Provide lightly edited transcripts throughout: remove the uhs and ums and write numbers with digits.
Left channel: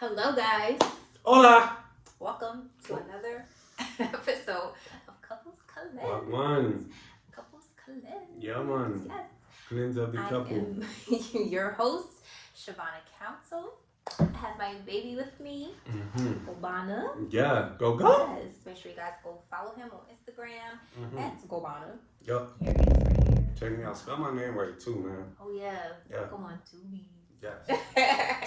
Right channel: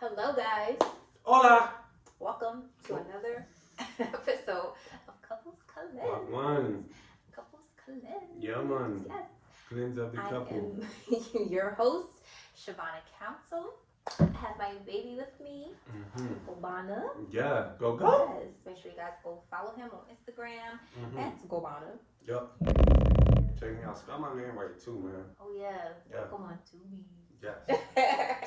Hello, guys. Hola. Welcome to another episode of Couples Cleanse. Wagwan. Couples Cleanse. Yeah, man. Yes. Cleanse of the couple. I am your host, Shavonna Council. I have my baby with me, Gobana. Yeah, go. Yes. Make sure you guys go follow him on Instagram at Gobana. Yup. Here he is right here. Check me out. Spell my name right too, man. Oh, yeah. Yeah. Come on, Tubi. Yes.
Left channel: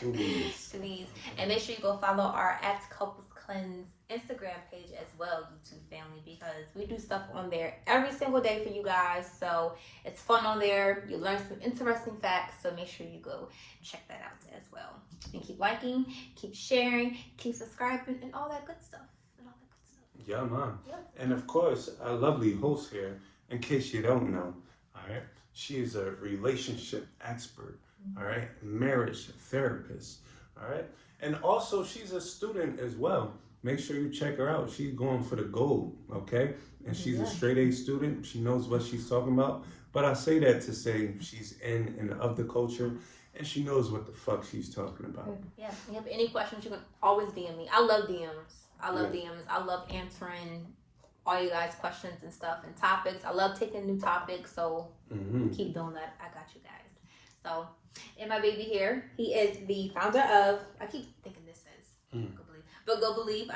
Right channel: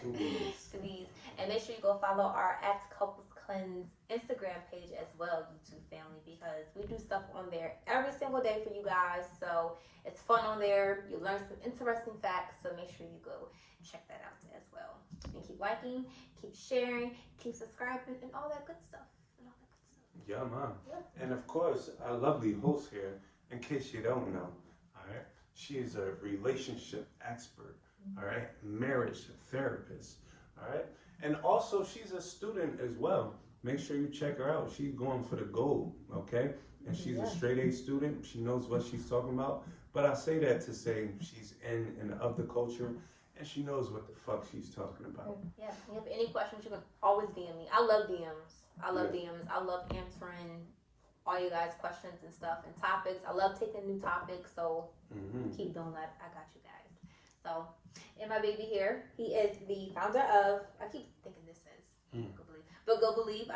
Tubies. Tubies. And make sure you go follow our at Couples Cleanse Instagram page as well, YouTube family, because we do stuff on there every single day for you guys. So it's fun on there. You learn some interesting facts. So make sure you go check that out as well. And keep liking, keep sharing, keep subscribing, and all that good stuff. Yeah, man. Yep. And of course, our lovely host here, in case you don't know, all right, she's a relationship expert, all right, marriage therapist, all right, and also she's a student as well. Make sure you check her out. She's going for the gold, okay? And she's a straight A student. She knows what she's talking about. But I say that to say she's in and of the culture, and she knows what the fuck she's talking about. Yeah. If you have any questions, you can always DM me. I love DMs. I love DMs. I love answering all you guys' questions and stuff and topics. I love taking new topics. So keep doing that. I got you guys. So, and my baby here, he is the founder of, I keep thinking this is Go Believe. But Go Believe,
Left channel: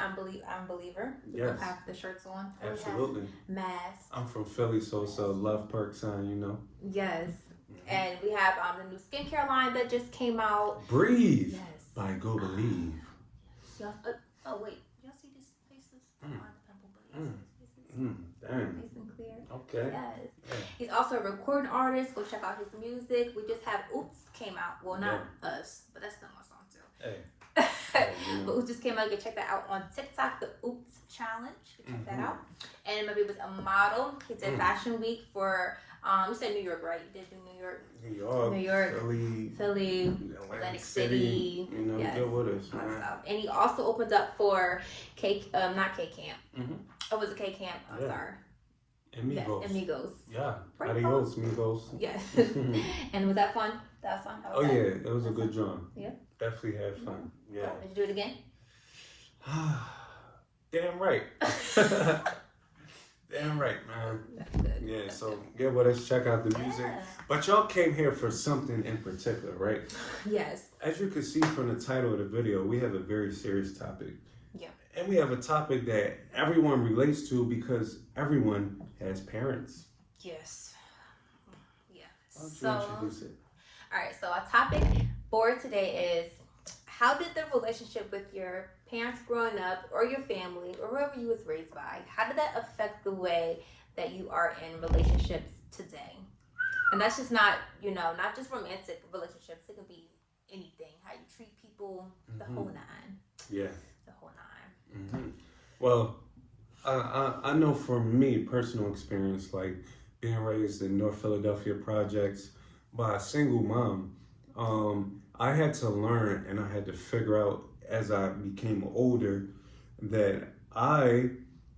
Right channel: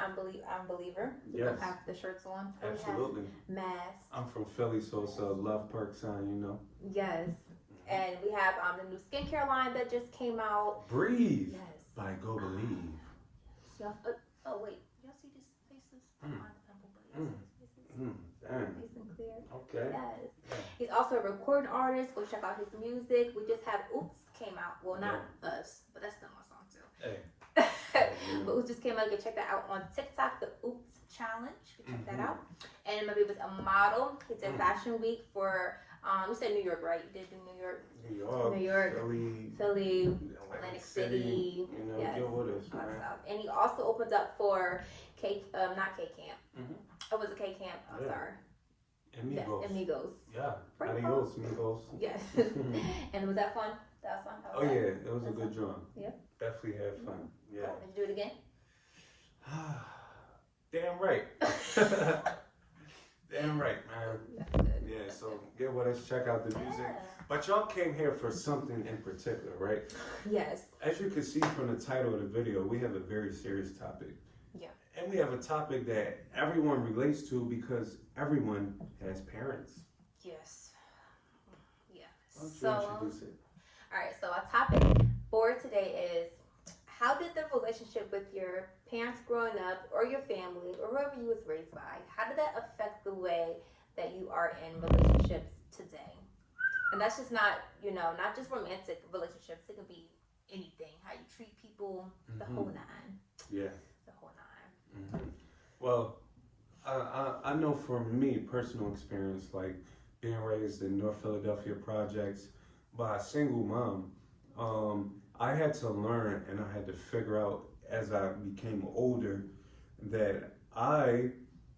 I'm Believer. Yes. I have the shirts on. Absolutely. Masks. I'm from Philly, so it's a love perk sign, you know. Yes. And we have the new skincare line that just came out. Breathe Yes. by Go Believe. Y'all, oh wait, y'all see these faces? Damn. Nice and clear. Okay. Yes. Yeah. He's also a recording artist. Go check out his music. We just have Oops came out. Well, not us, but that's still my song too. Hey. But Oops just came out. You can check that out on TikTok, the Oops Challenge. You can check that out. And maybe it was a model. He did Fashion Week for you said New York, right? You did do New York. New York. Philly, Atlantic City. You know, yes. deal with us, What's man. up? And he also opened up for not K Camp. Oh, was it K Camp? I'm sorry. Amigos. Yes, Amigos. Yeah. Right. Adios, amigos. Yes. And was that fun? That was fun? How was Oh that? yeah, it was a good job. Yeah. Definitely had fun. Yeah. Did you do it again? Damn right. Damn right, man. That's good. Yeah, That's so good. get with us, check out the music. Yeah. But y'all came here for something in particular, right? Yes. As you can see from the title of the video, we have a very serious topic. Yeah. And we have a topic that everyone relates to because everyone has parents. Yes. Yeah. Why don't you So, introduce it? all right. So our topic for today is how did the relationship with your parents growing up or your family or whoever you was raised by, how did that affect the way that you are in relationships today? And that's just not, not just romantic relationships. It could be anything, how you treat people, the whole nine. Yeah. The whole nine. Well, I know from me, personal experience, like being raised in North Philadelphia projects by a single mom, I had to learn and I had to figure out as I became older that I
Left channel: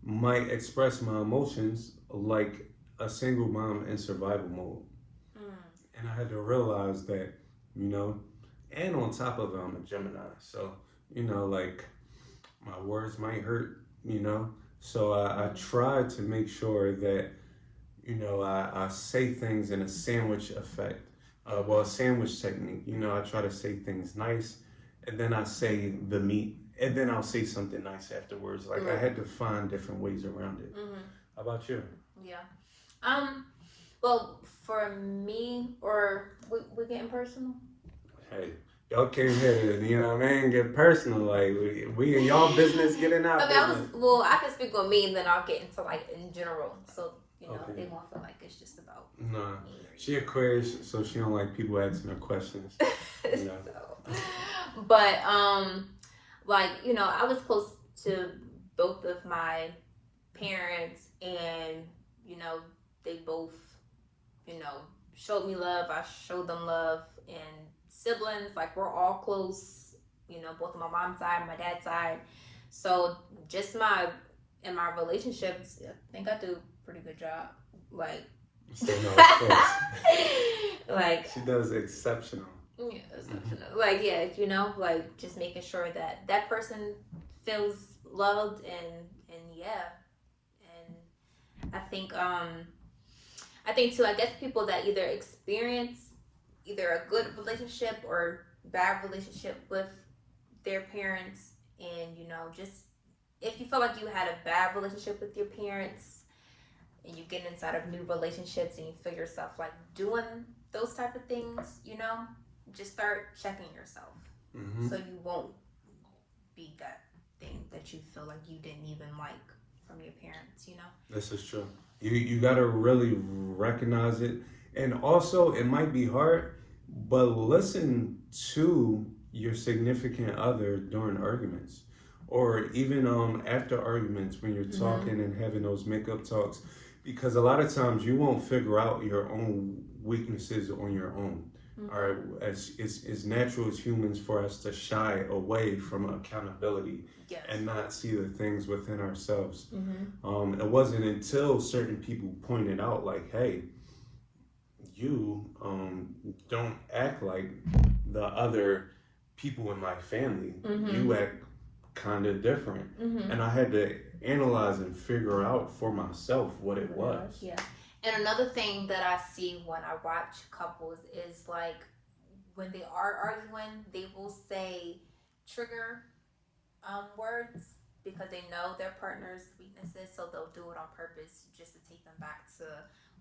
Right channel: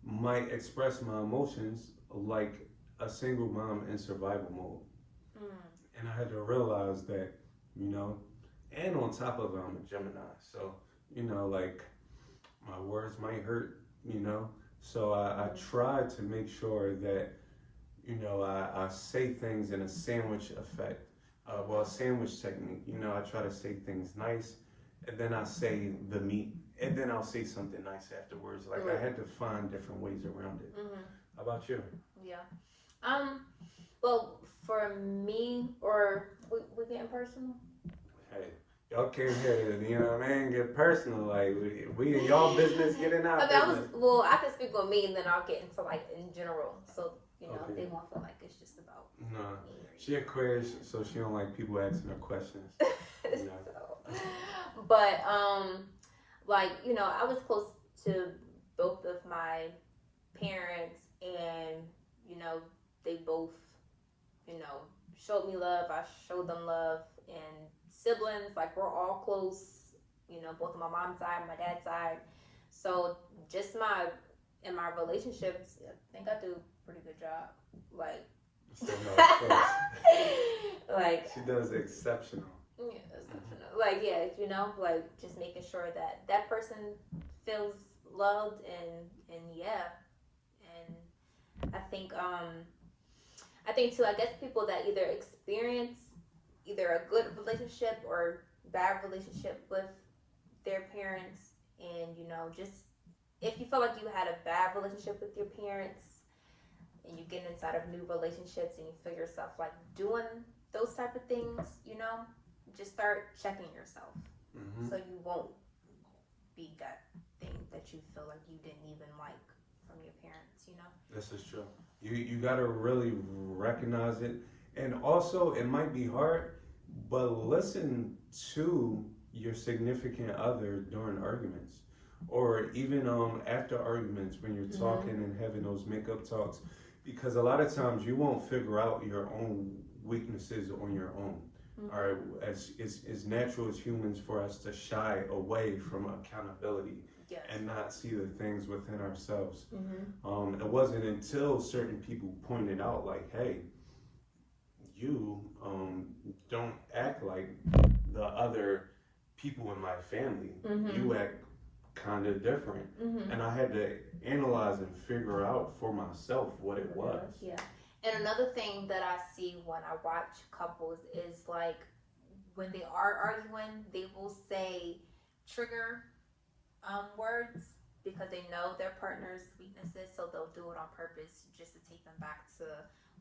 might express my emotions like a single mom in survival mode. And I had to realize that, and on top of it, I'm a Gemini. So, like my words might hurt, So I try to make sure that, I say things in a sandwich effect. A sandwich technique. I try to say things nice, and then I say the meat, and then I'll say something nice afterwards. Like I had to find different ways around it. How about you? Yeah. Well, for me, or we getting personal? Hey, y'all came here to, get personal. Like we in y'all business, getting out. I can speak on me, and then I'll get into like in general. So they won't feel like it's just about me. She Aquarius, so she don't like people asking her questions. But I was close to both of my parents, and they both showed me love. I showed them love, and siblings, like we're all close. Both on my mom's side, my dad's side. So just in my relationships, I think I do a pretty good job. Like, So, no, of course. like She does exceptional. Yeah, like yeah, you know, like just making sure that that person feels loved and yeah, and I think too. I guess people that either experience either a good relationship or bad relationship with their parents, and you know, just if you feel like you had a bad relationship with your parents and you get inside of new relationships and you feel yourself like doing those type of things, you know, just start checking yourself so you won't be that thing that you feel like you didn't even like from your parents, you know. This is true. You gotta really recognize it, and also it might be hard, but listen to your significant other during arguments, or even after arguments when you're talking and having those makeup talks, because a lot of times you won't figure out your own weaknesses on your own. All right, as it's natural as humans for us to shy away from accountability. Yes. And not see the things within ourselves. It wasn't until certain people pointed out, like, hey, you don't act like the other people in my family. You act kind of different. And I had to analyze and figure out for myself what it was. Yeah. And another thing that I see when I watch couples is like when they are arguing, they will say trigger words because they know their partner's weaknesses, so they'll do it on purpose just to take them back to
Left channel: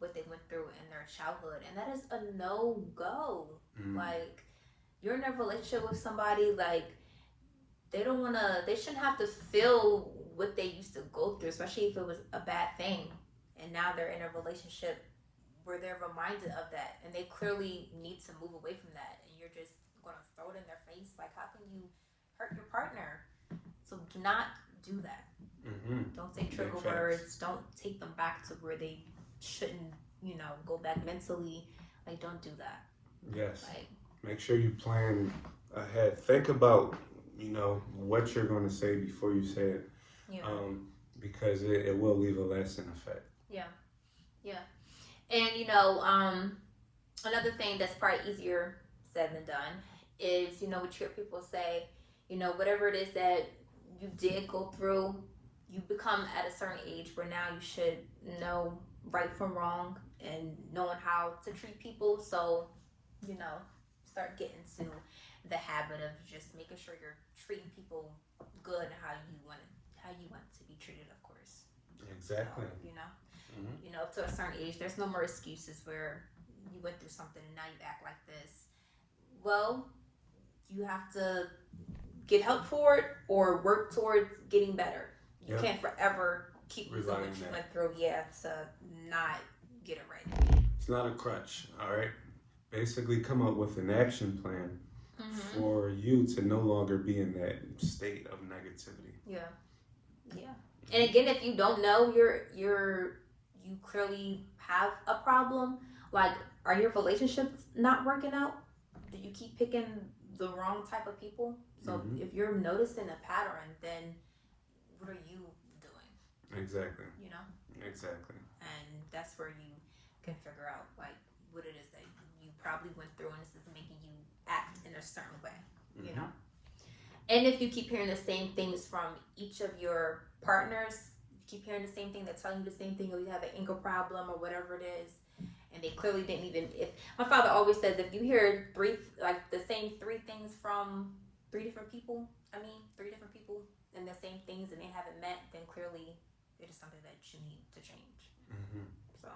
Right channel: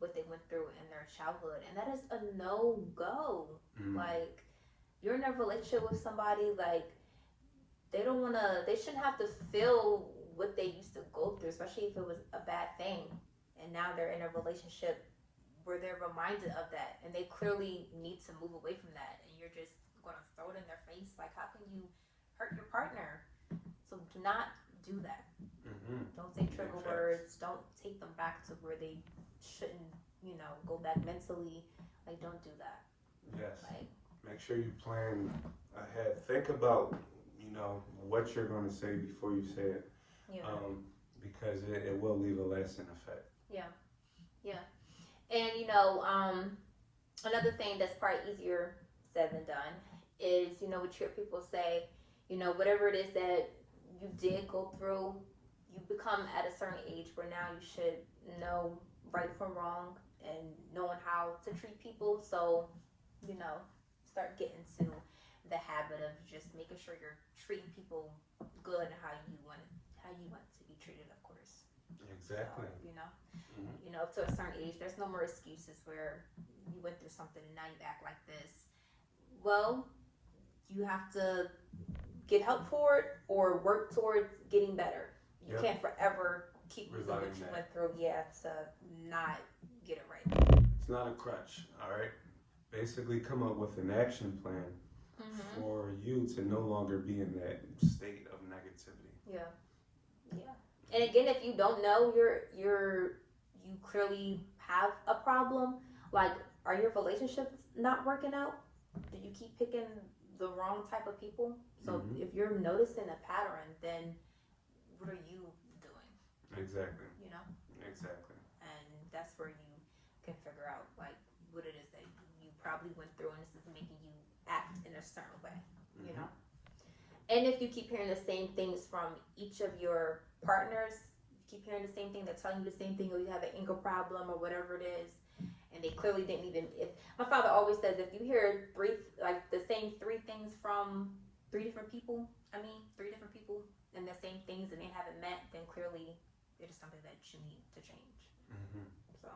what they went through in their childhood, and that is a no-go. Like, you're in a relationship with somebody, like, they shouldn't have to feel what they used to go through, especially if it was a bad thing, and now they're in a relationship where they're reminded of that, and they clearly need to move away from that, and you're just gonna throw it in their face. Like, how can you hurt your partner? So do not do that. Don't say trigger words. Don't take them back to where they shouldn't, you know, go back mentally. Like, don't do that. Yes. Like, make sure you plan ahead. Think about, you know, what you're going to say before you say it. Yeah. Because it will leave a lasting effect. Yeah. Yeah. And, you know, another thing that's probably easier said than done is, you know, what you hear people say, you know, whatever it is that you did go through, you become at a certain age where now you should know right from wrong and knowing how to treat people. So, you know, start getting to the habit of just making sure you're treating people good how you want to be treated, of course. Exactly. So, you know, to a certain age, there's no more excuses where you went through something and now you act like this. Well, you have to get help for it or work towards getting better. You can't forever keep using what you went through, to not get it right. It's not a crutch, all right? Basically come up with an action plan for you to no longer be in that state of negativity. Yeah. And again, if you don't know you clearly have a problem, like, are your relationships not working out? Do you keep picking the wrong type of people? So if you're noticing a pattern, then what are you doing? Exactly. You know? Exactly. And that's where you can figure out, like, what it is that you probably went through and this is making you act in a certain way, you know? And if you keep hearing the same things from each of your partners, keep hearing the same thing, they're telling you the same thing, or you have an anger problem or whatever it is, and they clearly didn't even, if my father always says, if you hear the same three things from three different people and the same things and they haven't met, then clearly it is something that you need to change. So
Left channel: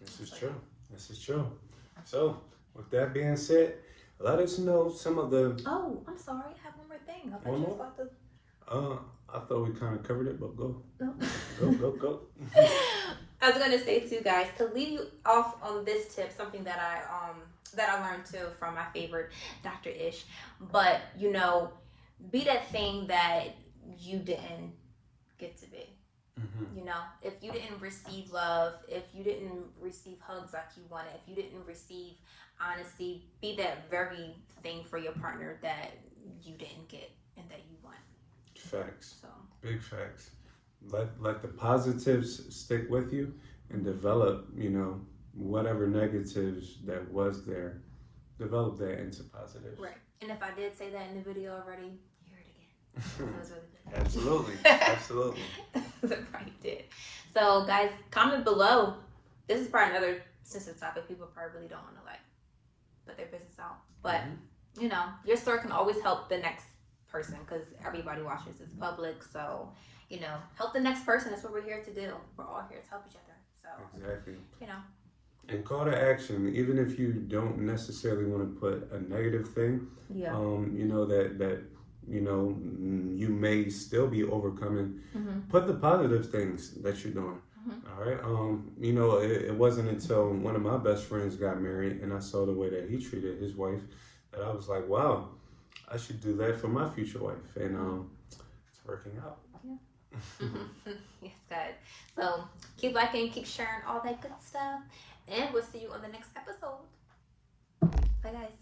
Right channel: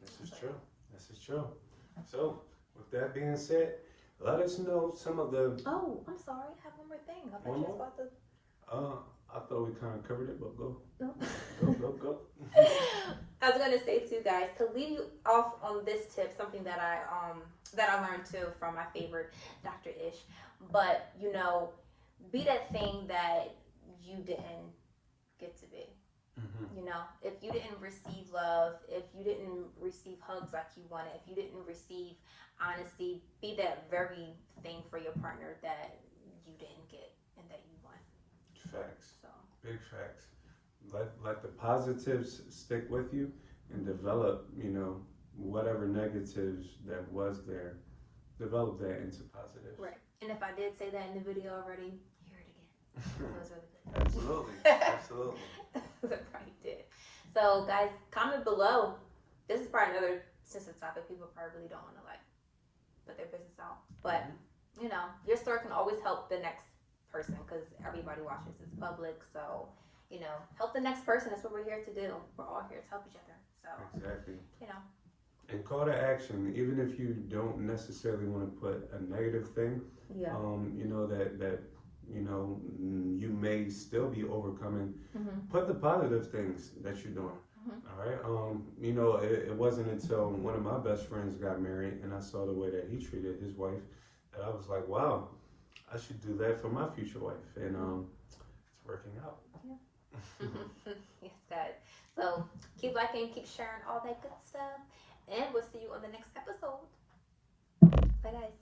this is true. This is true. So with that being said, let us know some of the. Oh, I'm sorry. I have one more thing. I thought you was about to. I thought we kind of covered it, but go. No. Go. I was gonna say too, guys, to leave you off on this tip, something that I learned too from my favorite Dr. Ish. But you know, be that thing that you didn't get to be. You know, if you didn't receive love, if you didn't receive hugs like you wanted, if you didn't receive honesty, be that very thing for your partner that you didn't get and that you want. Facts. So big facts. Let the positives stick with you and develop, you know, whatever negatives that was there, develop that into positive. Right. And if I did say that in the video already, hear it again. That was really good. Absolutely. Absolutely. Right, did. So, guys, comment below. This is probably another sensitive topic. People probably really don't want to like put their business out. But, you know, your story can always help the next person because everybody watches this public. So, you know, help the next person. That's what we're here to do. We're all here to help each other. So, Exactly. you know. And call to action, even if you don't necessarily want to put a negative thing, Yeah. you know, that you know, you may still be overcoming. Mm-hmm. Put the positive things that you're doing. Mm-hmm. All right. You know, it wasn't until one of my best friends got married and I saw the way that he treated his wife that I was like, wow, I should do that for my future wife. And it's working out. Yeah. Yes, guys. So keep liking, keep sharing all that good stuff. And we'll see you on the next episode. Bye, guys.